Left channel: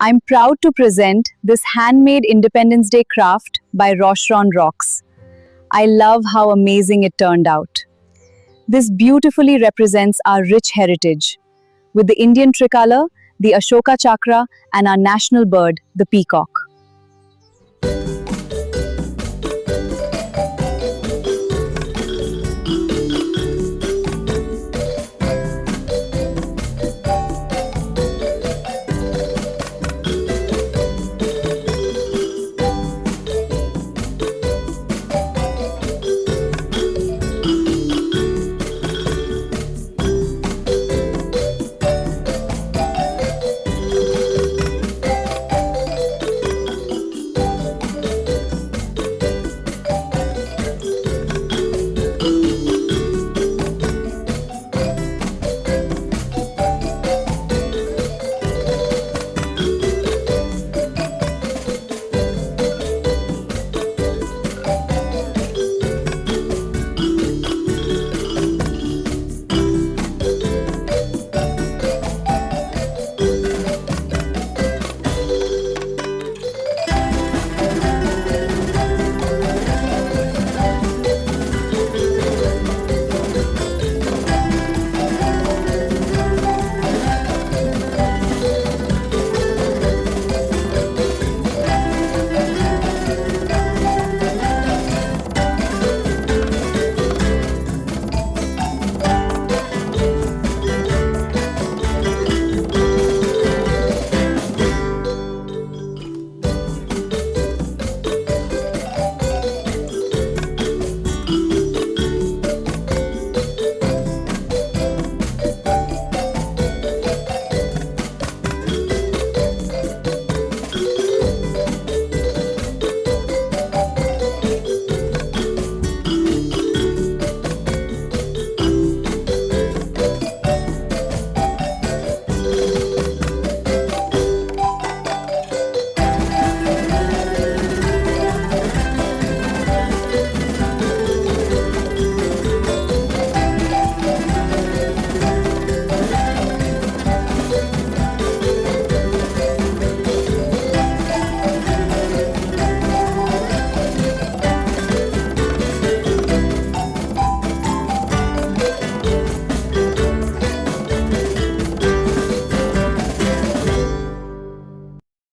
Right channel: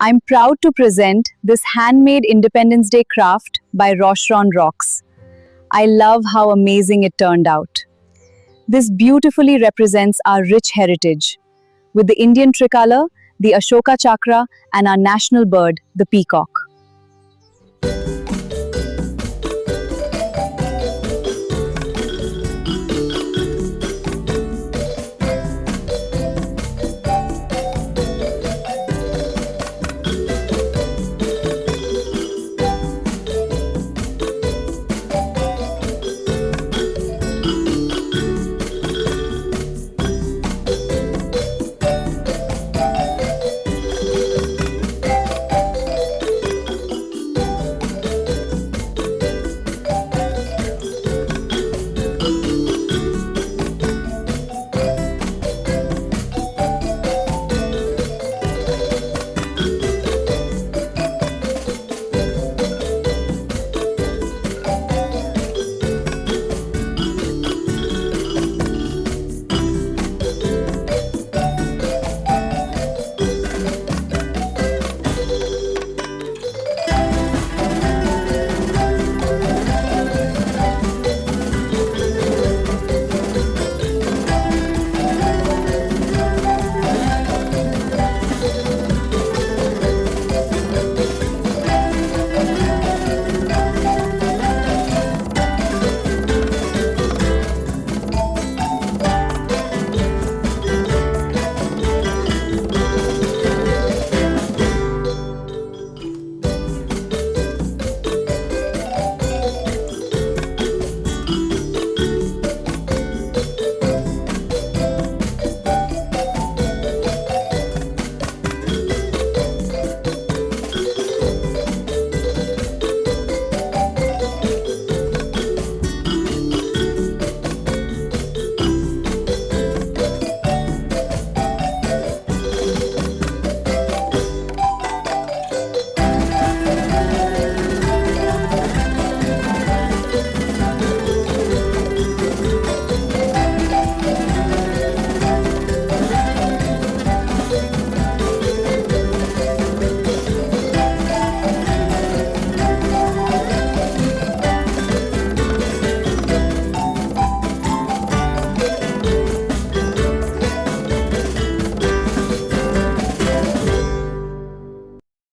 I'm proud to present this handmade Independence Day craft by RoshRonRockzz. I love how amazing it turned out. This beautifully represents our rich heritage, with the Indian tricolor, the Ashoka chakra, and our national bird, the peacock.